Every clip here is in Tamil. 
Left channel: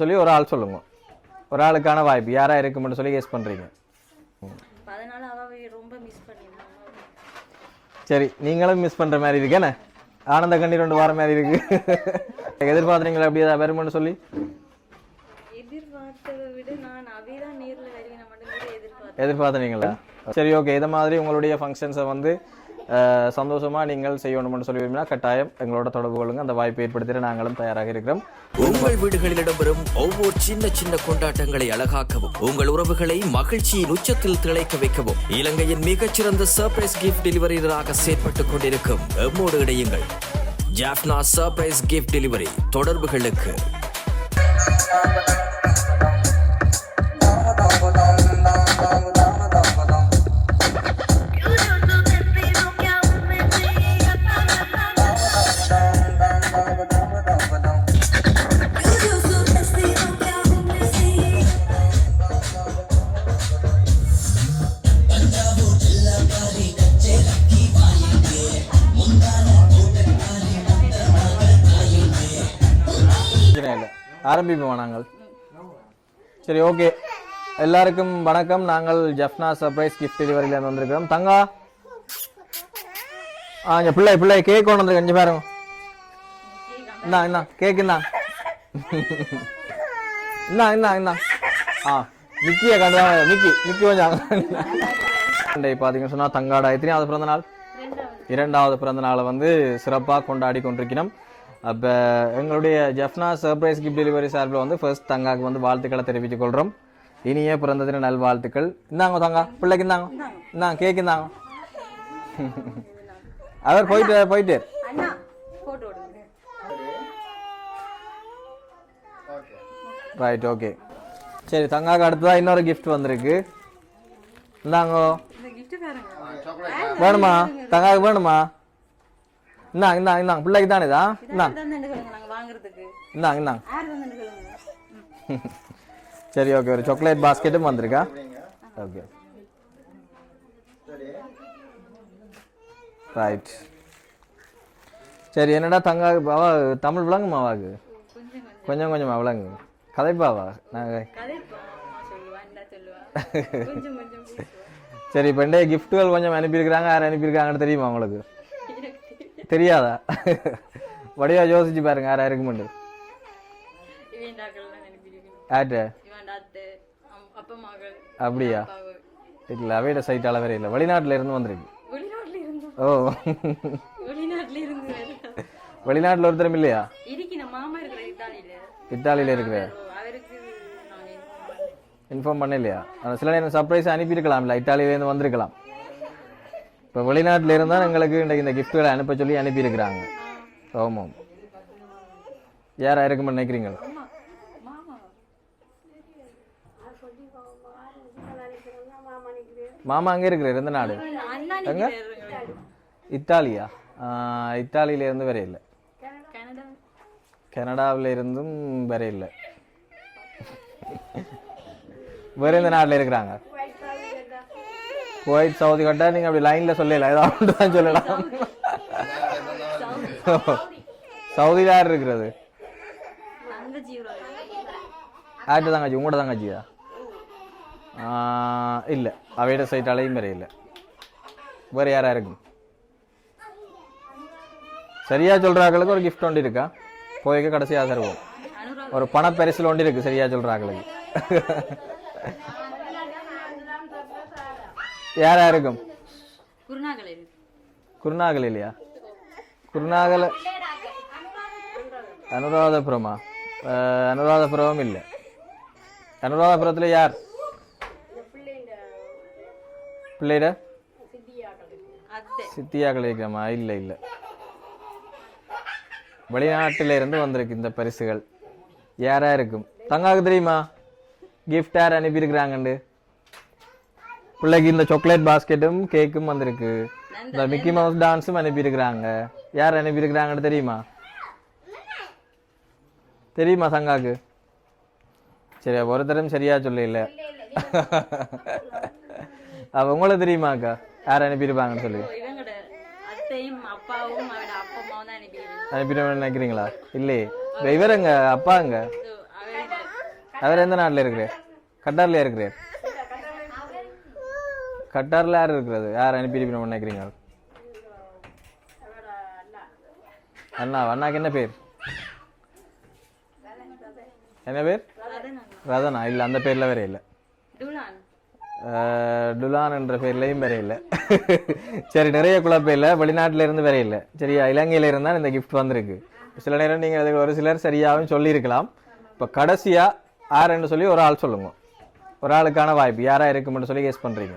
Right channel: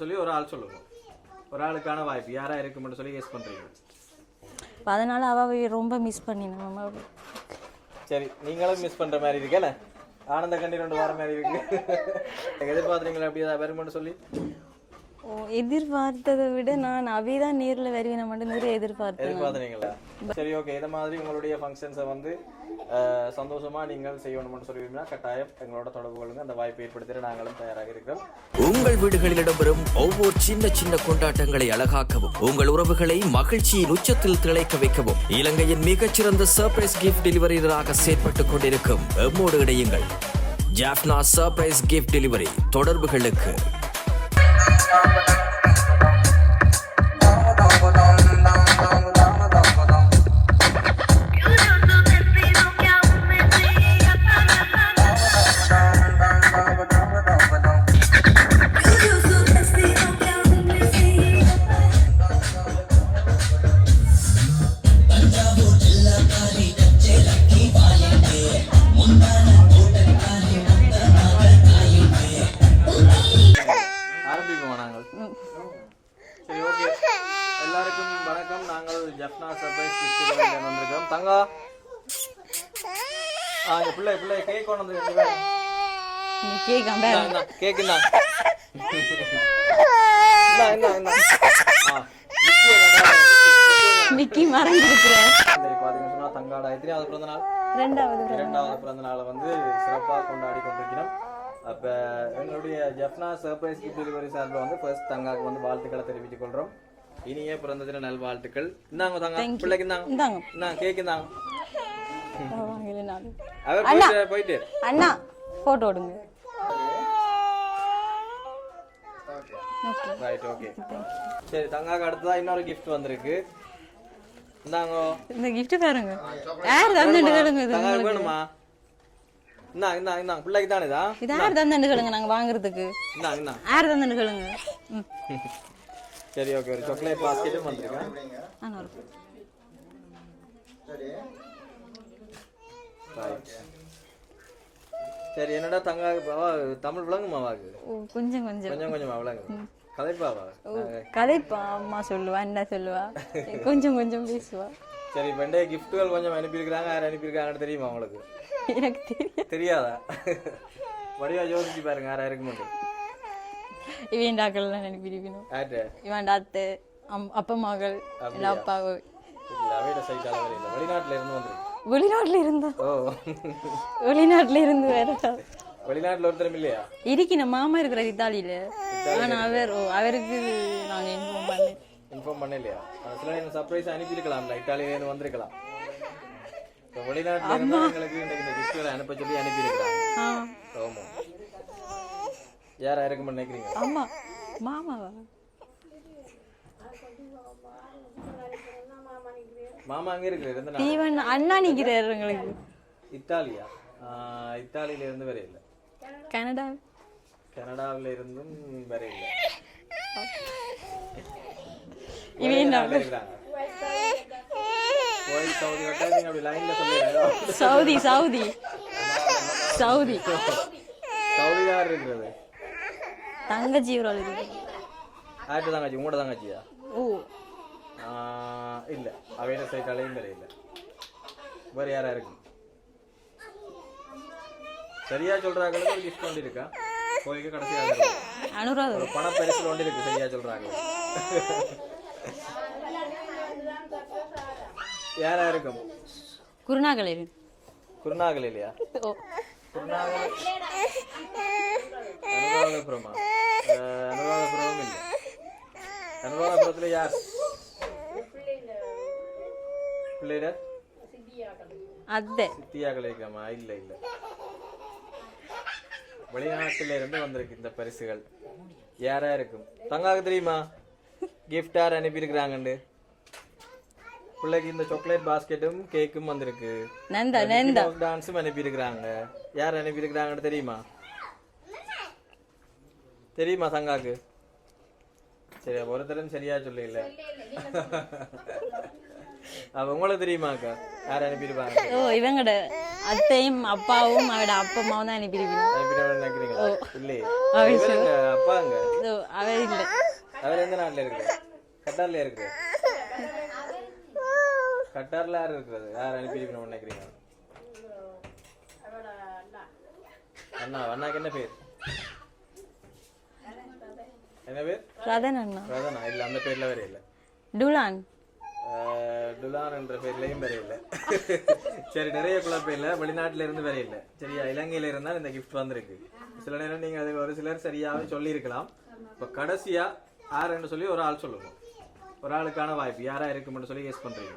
சொல்லி ஒரு ஆள் சொல்லுங்க. ஒரு ஆளுக்கான வாய்ப்பு யாரா இருக்கும்னு சொல்லி கெஸ் பண்றீங்க. அதனால அவ ரொம்ப மிஸ் பண்ணினா. சரி, நீங்களும் மிஸ் பண்ற மாதிரி இருக்கேனே. ஆனந்த கண்ணீர் ரெண்டு வார மாதிரி இருக்கு. எதிர்பார்த்தீங்களா அப்படி ஏதாவது வரும்னு சொல்லி? எதிர்பார்த்ததை விட நான் அவைதான் நேர்ல வருவேன் மட்டும் எதிர்பார்த்தீங்களா? சரி, ஓகே. இதை மாதிரி உங்களுடைய ஃபங்க்ஷன்ஸை வந்து சந்தோஷமா நீங்கள் செய்யணும்னு சொல்லி விரும்பினா கட்டாயம் எங்களோட தொடர்பு கொள்ளுங்க. அந்த வாய்ப்பை ஏற்படுத்திட நாங்களும் தயாராக இருக்கிறோம். உங்கள் வீடுகளில் இடம்பெறும் ஒவ்வொரு சின்ன சின்ன கொண்டாட்டங்களை அழகாக்கவும், உங்கள் உறவுகளை மகிழ்ச்சியின் உச்சத்தில் திளைக்க வைக்கவும் இலங்கையின் மிகச்சிறந்த சர்ப்ரைஸ் கிஃப்ட் டெலிவரியாக செயற்பட்டுக் கொண்டிருக்கும் எம்மோடு இணையுங்கள். Jaffna surprise gift delivery. தொடர்புகளுக்கு ஆரம்பிப்போம் நாங்கள். சரி, ஓகே. எல்லாருக்கும் வணக்கம். நாங்கள் ஜஃப்னா சர்ப்ரைஸ் கிஃப்ட் டெலிவரியில் வந்திருக்கிறோம். தங்கா பிள்ளை பிள்ளை கேக் கொண்டு வந்து கண்டிப்பா பாருங்க. கேக் பாத்தீங்கன்னு சொன்னா தங்காடா எத்தனையாவது பிறந்த நாள்? இரண்டாவது பிறந்த நாளை வந்து சிறப்பா கொண்டாடி கொண்டிருக்கிறோம். அப்போ எங்களுடைய ஜஃப்னா சர்ப்ரைஸ் கிஃப்ட் டெலிவரி சார்பில் வந்து ஃபர்ஸ்ட் தங்காவுக்கு வந்து வாழ்த்துக்களை தெரிவித்துக் கொள்கிறோம். இனிய பிறந்த தின நல்வாழ்த்துக்கள். இந்தாங்க தங்கா, பிள்ளைக்கு இந்தாங்க கேக் இந்தாங்க. அவர் போயிட்டு அண்ணா போட்டோ எடுங்க. Right, okay. சரி, தங்காக்கு அடுத்ததான் இன்னொரு கிஃப்ட் வந்திருக்கு. இந்தாங்க. இந்த கிஃப்ட் பாருங்க. தங்காக்கு வேணுமா? இந்தாங்க பிள்ளைக்கு தானே தான். யார் தந்தன்னு சொல்லுங்க, நாங்க வாங்குறதுக்கு. இந்தாங்க யார் தந்தன்னு சொல்லுங்க. சரி, ஓகே. ஒரு சாக்லேட் பாஸ்கெட்டும் வந்திருக்கா. Okay, right. சரி, என்னடா தங்கா தமிழ் விளங்குமா? வாக்கு கொஞ்சம் கொஞ்சமா விளங்கு. கதைப்பாவா? கதைப்பா. அம்மா சொல்லுவா, என்ன சொல்லுவா, கொஞ்சம் கொஞ்சம் பேசுவா. சரி, இப்போ கிஃப்ட்டுகள் கொஞ்சம் அனுப்பியிருக்கிறாங்க. யார் அனுப்பியிருக்காங்கன்னு தெரியுமா உங்களுக்கு? எனக்கு தெரியாதா? வடிவா யோசிச்சு பாருங்க யாரா இருக்கு மட்டும். இவன் அனுப்பியிருக்கணும். ஆட்டு இவன் அத்தை அப்பா மகள். அப்படியா? இல்ல, அவையோட சைட்டால வேற இல்ல. வெளிநாட்டுல இருந்து வந்திருக்கு. வெளிநாட்டுல இருந்தா? ஓ, வெளிநாட்டுல இருந்து வேற. வெளிநாட்டுல ஒருத்தரும் இல்லையா? இருக்கணும். மாமா இருக்கிற இத்தாலியில இருக்கு. அவருக்கு நாங்க இன்ஃபார்ம் பண்ணலையா? சில நேரம் சர்ப்ரைஸ் அனுப்பி இருக்கலாம்ல, இத்தாலியில இருந்து வந்திருக்கலாம். இப்போ வெளிநாட்டுல இருந்தா எங்களுக்கு இந்த கிஃப்ட்களை அனுப்ப சொல்லி அனுப்பி இருக்கிறாங்க. ஆமாம். யாரா இருக்குன்னு நினைக்கிறீங்க? மாமா அங்க இருக்கிறார். எந்த நாடு? இத்தாலியா? இத்தாலியில இருந்து வேற இல்ல. கனடாவில இருந்தும் வேற இல்ல. வேற எந்த நாட்டுல இருக்கிறாங்க? குவைத், சவுதி கட்டா நீங்க அப்படி லைன்ல சொல்லல. சவுதி யார் இருக்கிறது? தங்கச்சி. ஆட்டு தங்கச்சி. உங்களோட தங்கச்சியா? இல்ல, அவையோட சைட்டாலையும் வேற இல்ல. வேற யாரா இருக்கு? சரியா சொல்றாங்களுக்கு ஒரு கிஃப்ட் ஒன்று இருக்கா? போய்க்க கடைசியாக தருவோம். ஒரு பண பரிசில் ஒன்று இருக்கு. சரியா சொல்றாங்களுக்கு யாரா இருக்கும்? குருநாகல் இல்லையா? குருநாகல் அனுராதபுரமா? அனுராதபுரம் இல்ல. அனுராதபுரத்துல யார்? பிள்ளைட சித்தியாக்கள் இருக்கமா? இல்ல இல்ல, வெளிநாட்டில இருந்து வந்திருக்கு இந்த பரிசுகள். யாரா இருக்கும்? தங்காக்கு தெரியுமா? கிஃப்ட் யார் அனுப்பியிருக்கிறாங்கண்டு பிள்ளைக்கு இந்த சாக்லேட் பாஸ்கெட்டும் கேக்கும் வந்திருக்கு மிக்கி மவுஸ் டான்ஸும் அனுப்பியிருக்கிறாங்க யார் அனுப்பியிருக்கிறாங்கன்னு தெரியுமா சங்காக்கு சரி ஒருத்தரும் சரியா சொல்ல இல்ல உங்களை தெரியுமாக்கா யார் அனுப்பியிருப்பாங்கன்னு சொல்லி இவங்கட அத்தையும் அப்பாவும் அவட அப்பா அம்மாவும் தான் அனுப்பியிருக்கீங்க நினைக்கிறீங்களா இல்லையே இவருங்க அப்பாங்க அவர் இல்ல அவர் எந்த நாட்டுல இருக்கிறார் கட்டார்ல இருக்கிறார் கட்டார்ல யார் இருக்கிறது யார் அனுப்பியிருப்பீங்க நினைக்கிறீங்க அண்ணாக்கு என்ன பேர் என்ன பேர் ரதனா இல்ல அந்த பேர்ல வேற இல்ல டுலான் என்ற பேர்லயும் வேற இல்ல சரி நிறைய குழப்பம் இல்ல வெளிநாட்டுல இருந்து வேற இல்ல சரியா இலங்கையில இருந்தா இந்த கிஃப்ட் வந்திருக்கு சில நேரம் நீங்க அதுக்கு ஒரு சிலர் சரியாவும் சொல்லி இருக்கலாம் இப்ப கடைசியா யாருன்னு சொல்லி ஒரு ஆள் சொல்லுங்க ஒரு ஆளுக்கான வாய்ப்பு யாரா இருக்கும்னு சொல்லி கெஸ் பண்றீங்க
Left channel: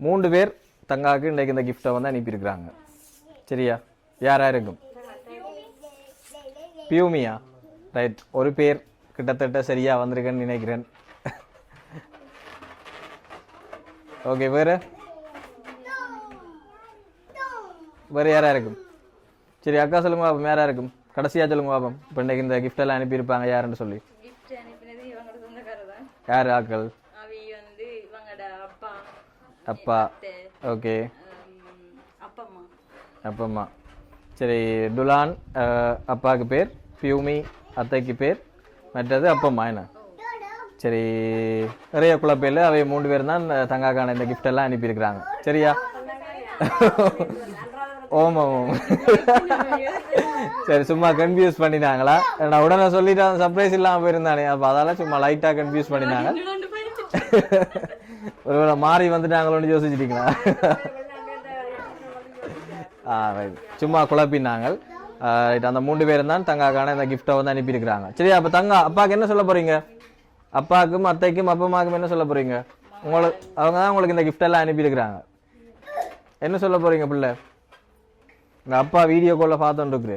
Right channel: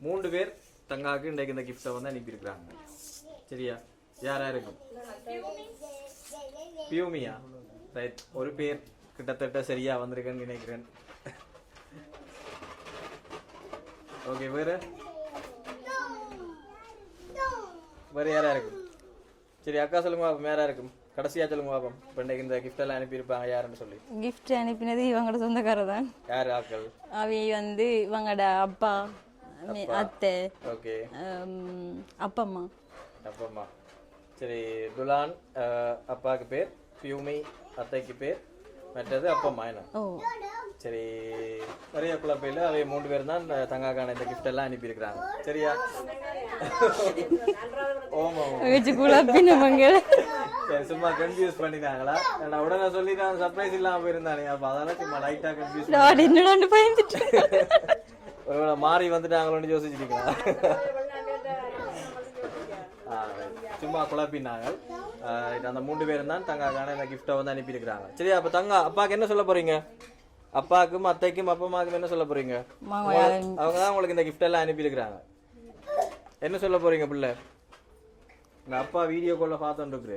3 பேர் தங்காக்கு இன்னைக்கு இந்த கிஃப்டை வந்து அனுப்பியிருக்கிறாங்க சரியா யாரா இருக்கும் பியூமியா ரைட் ஒரு பேர் கிட்டத்தட்ட சரியா வந்திருக்கேன்னு நினைக்கிறேன் ஓகே வேற யாரா இருக்கும் சரி அக்கா சொல்லுங்க பாப்போம் யாரா இருக்கும் கடைசியா சொல்லுங்க பாப்போம் இப்போ இன்னைக்கு இந்த கிஃப்ட் எல்லாம் அனுப்பியிருப்பாங்க யாருன்னு சொல்லி கிஃப்ட் அனுப்பினது இவங்களோட சொந்தக்காரர் தான் யார் ஆக்கள் அவை வந்து இவங்களோட அப்பா அத்தை ஓகே அப்பா அம்மா சரி டுலான் அப்பாவுக்கு பேர் பியூமி அத்தைக்கு பேர் மற்றது அப்பம்மா என்ன சரி நிறைய குழப்பையில் அவை 3 பேர் தான் தங்காக்கான இந்த கிஃப்ட் எல்லாம் அனுப்பியிருக்கிறாங்க சரியா ஓமா சரி சும்மா கன்ஃபியூஸ் பண்ணிட்டாங்களா நான் உடனே சொல்லிட்டு சர்ப்ரைஸ் இல்லாம போயிருந்தானே அப்ப அதெல்லாம் சும்மா லைட்டா கன்ஃபியூஸ் பண்ணிட்டாங்க ஒருவேளை மாறி வந்துட்டாங்களோன்னு யோசிச்சிட்டீங்களா சும்மா குழப்பினாங்க அந்த 3 பேரும் தான் தங்காக்கான இந்த கிஃப்டை வந்து அனுப்பியிருக்கிறாங்க சரியா அப்ப தங்கா அப்பாவுக்கு என்ன சொல்ல போறீங்க அப்பாவுக்கும் அத்தைக்கும் அப்பமாவுக்கும் என்ன சொல்ல போறீங்க அவங்க தான் உங்களுக்கு இந்த கிஃப்ட் எல்லாம் அனுப்பியிருக்கிறாங்க என்ன சொல்ல போறீங்க பிள்ளை உங்க அப்பா வீடியோ கால்ல பார்த்துட்டு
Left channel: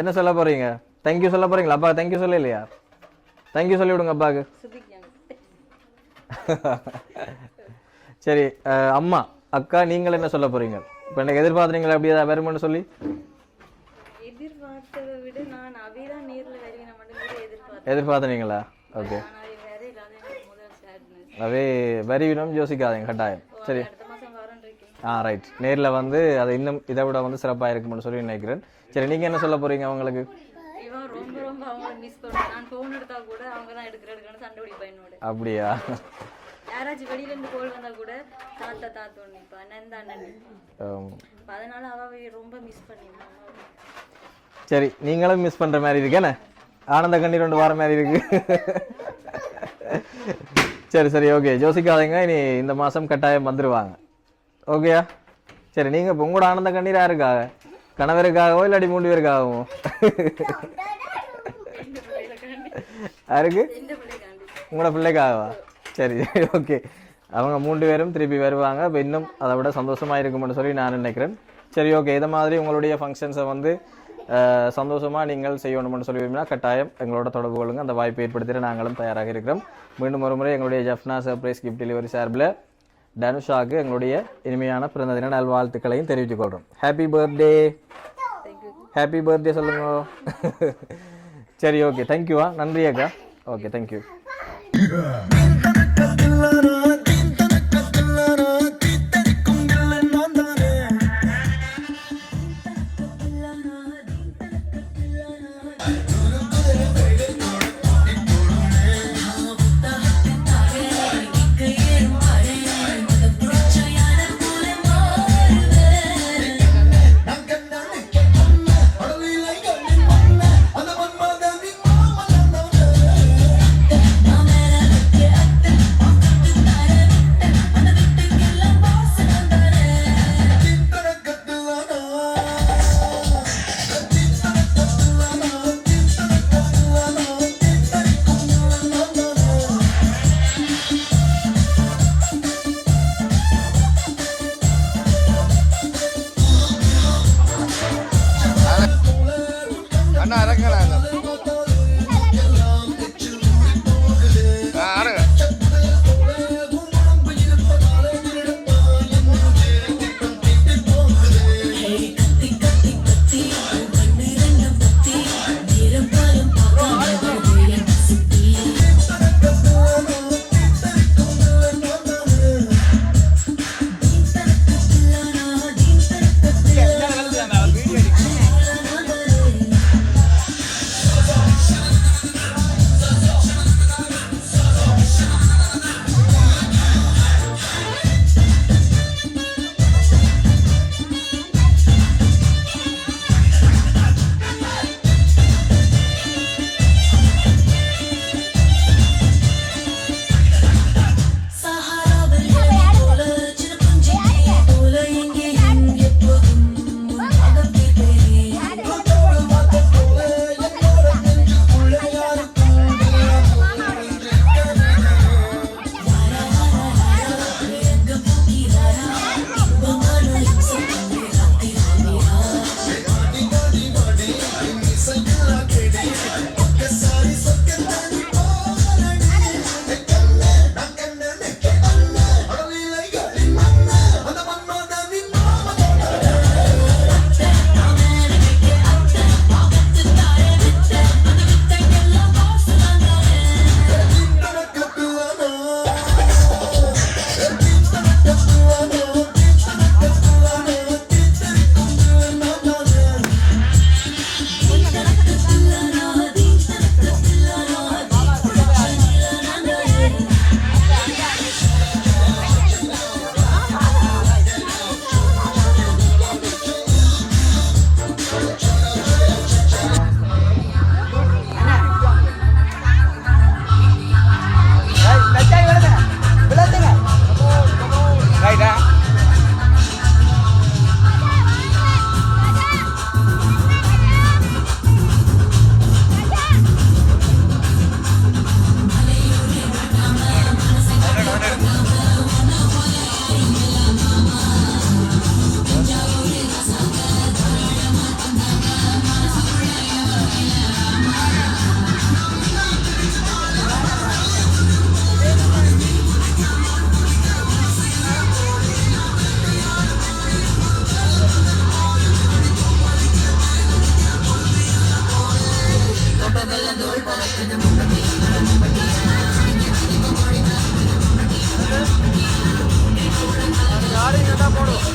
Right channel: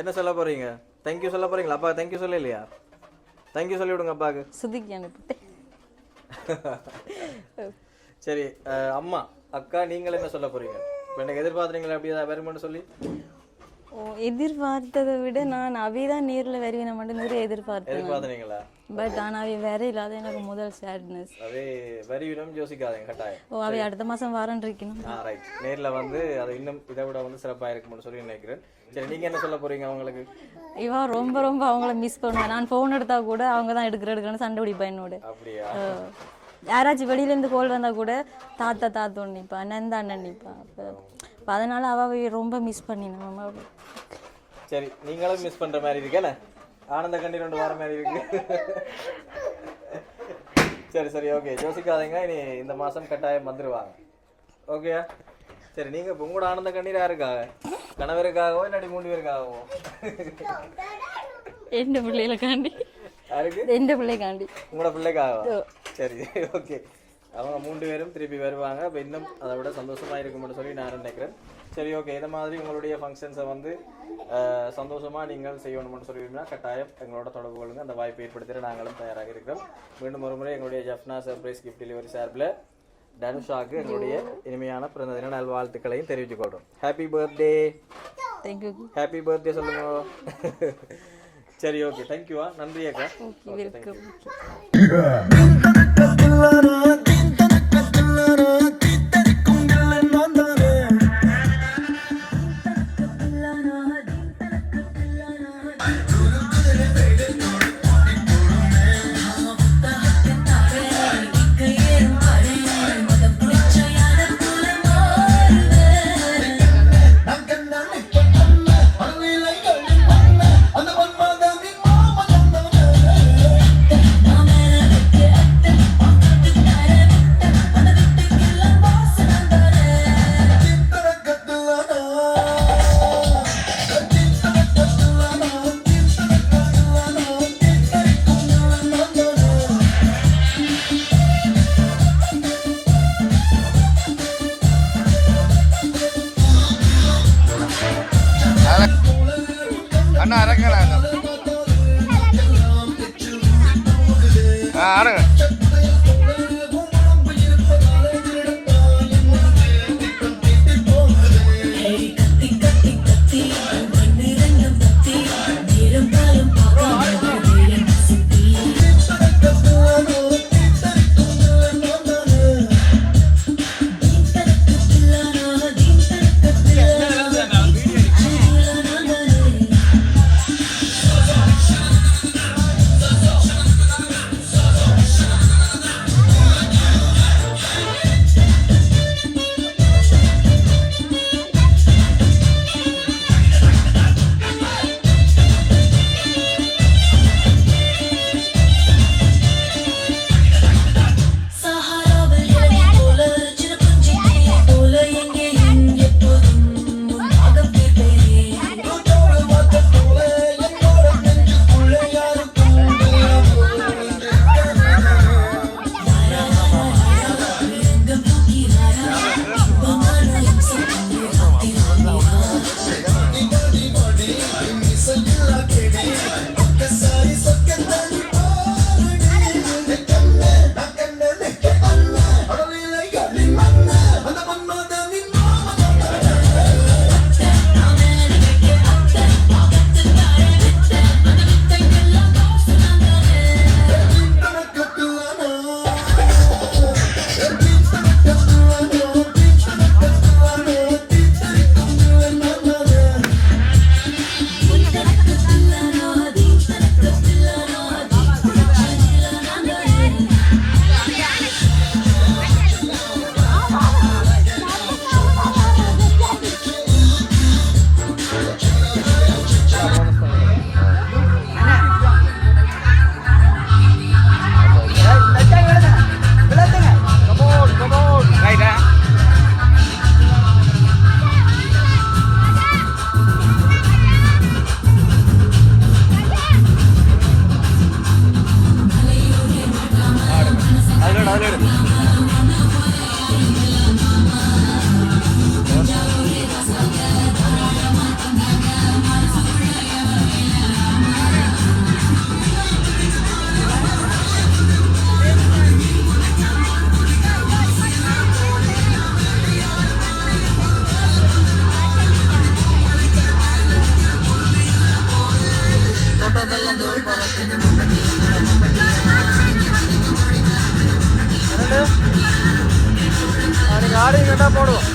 என்ன சொல்ல போறீங்க தேங்க்யூ சொல்ல போறீங்களா அப்பா தேங்க்யூ சொல்ல இல்லையா தேங்க்யூ சொல்லி விடுங்க அப்பாவுக்கு சரி அம்மா அக்கா நீங்கள் என்ன சொல்ல போறீங்க இப்ப எனக்கு எதிர்பார்த்தீங்களா அப்படியே வருமானு சொல்லி எதிர்பார்த்ததை விட நான் அவைதான் நேர்ல வருவேன் மட்டும் நிறைய எதிர்பார்த்தீங்களா பட் ஆனா அவை வேற இல்லாத எனக்கு முதல் சேட்னஸ் அவே வருவினம் யோசிக்காதீங்க கட்டாயம் அவை அடுத்த மாசம் வரேன் இருக்கணும் ரைட் நேர்ல வந்து அது இன்னும் இதை விட வந்து சிறப்பா இருக்கும்னு சொல்லி நினைக்கிறேன் சரி நீங்க என்ன சொல்ல போறீங்க அவங்களுக்கு இவன் ரொம்ப ரொம்ப அவங்கள மிஸ் பண்ணுவேன் நான் போன் எடுத்தா கூட அவங்க தான் எடுக்கிறேன்னு சண்டை பிடிப்பா என்னோட அப்படியா யாராச்சும் வெளியில இருந்து கோல் வந்தா கூட தாத்தா நிப்பா நந்தா அண்ணன் நிப்பா அதனால அவ ரொம்ப மிஸ் பண்ணினா சரி நீங்களும் மிஸ் பண்ற மாதிரி இருக்கேனே ஆனந்த கண்ணீர் கொண்டு வர மாதிரி இருக்கு சரி ஓகே யோசிக்காதீங்க இனி இந்த மாசம் கட்டாயம் வந்துருவாங்க ஓகேயா சரி நீங்க உங்களோட ஆனந்த கண்ணீர் யாருக்காக கணவருக்காகவோ இல்லாடி 3 பேருக்காகவோ எந்த பிள்ளைகளுக்காண்டி யாருக்கு எந்த பிள்ளைக்காண்டி உங்களோட பிள்ளைக்காகவா சரி ஓகே அவங்க 3 பேரும் திருப்பி வருவாங்க இப்போ இன்னும் அதை விட சந்தோஷமா இருக்கும்னு சொல்லி நான் நினைக்கிறேன் சரி ஓகே இதை மாதிரி உங்களுடைய ஃபங்க்ஷன்ஸை வந்து சந்தோஷமா நீங்கள் செய்யணும்னு சொல்லி விரும்பினா கட்டாயம் எங்களோட தொடர்பு கொள்ளுங்க அந்த வாய்ப்பை ஏற்படுத்திட நாங்களும் தயாராக இருக்கிறோம் மீண்டும் ஒரு முறை எங்களுடைய ஜெஃப்னா சர்ப்ரைஸ் கிஃப்ட் டெலிவரி சார்பில் தனுஷாவுக்கு எங்களுடைய இனிமையான பிறந்த தின நல்வாழ்த்துக்களையும் தெரிவித்துக் கொள்றோம் ஹாப்பி பர்த்டே ஹாப்பி பர்த்டே சொல்லுங்க சரி ஓகே தேங்க்யூவா நன்றி அக்கா ஓகே தேங்க்யூ Yeah. ஆடிங்கட்டா போடுவோம்.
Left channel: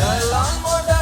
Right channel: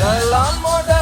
Dalam modal